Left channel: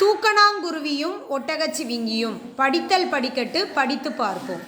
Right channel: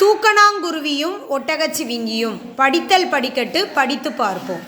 தூக்கணாங்குருவியும் ஒட்டகச்சிவிங்கியும். படித்தல் படிக்கட்டு, படித்து பார்ப்போம்.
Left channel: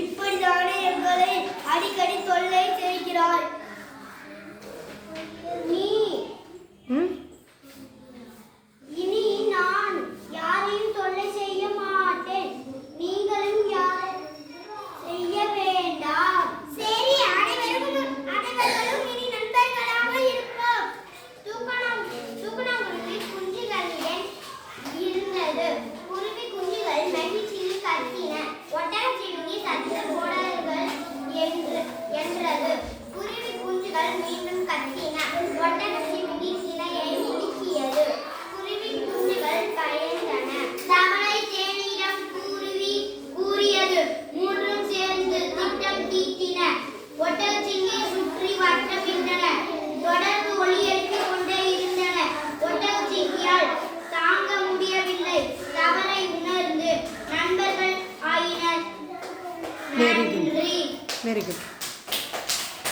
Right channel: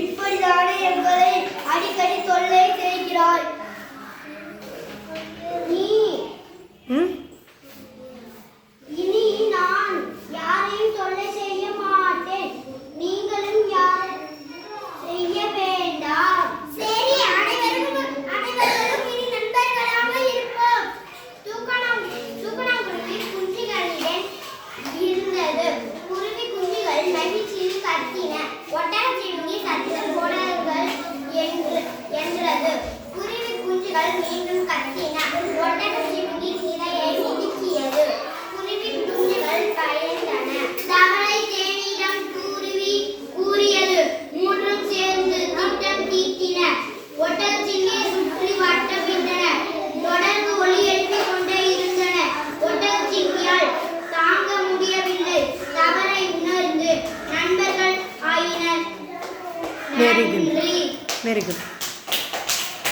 இப்படிதானே எங்களை அடிக்கடி தொல்லை செய்கிறாய். இனி நான் யாரையும் தொல்லை செய்ய மாட்டேன். நீங்களும் யாரும் செய்ய வேண்டாம். சரி, அனைவரும் இனி நண்பர்களாக இருப்போம். தூக்கணாங்குருவி குஞ்சுகளுடன் இருந்தது. குருவி குஞ்சுகள் மகிழ்ச்சியில் கத்தின. ஒட்டகச்சிவிங்கி சத்தம் போடாதீர்கள் என்றது. குருவி குஞ்சுகள் மீண்டும் கத்தின. ஒட்டகச்சிவிங்கி கிளையை இடுக்கியது. குருவி குஞ்சுகள் பயந்தன. தவளை தேனியிடம் குருவி கூறியது. மூன்றும் சேர்ந்து திட்டம் தீட்டின. ஒட்டகச்சிவிங்கியை சுற்றி வட்டமிட்டன. தொடர்ந்து ஒலி எழுப்பிக் கொண்டே இருந்தன. ஒட்டகச்சிவிங்கியால் தாங்க முடியவில்லை. தவறை உணர்ந்து நண்பர்கள் ஆயினர். Very good.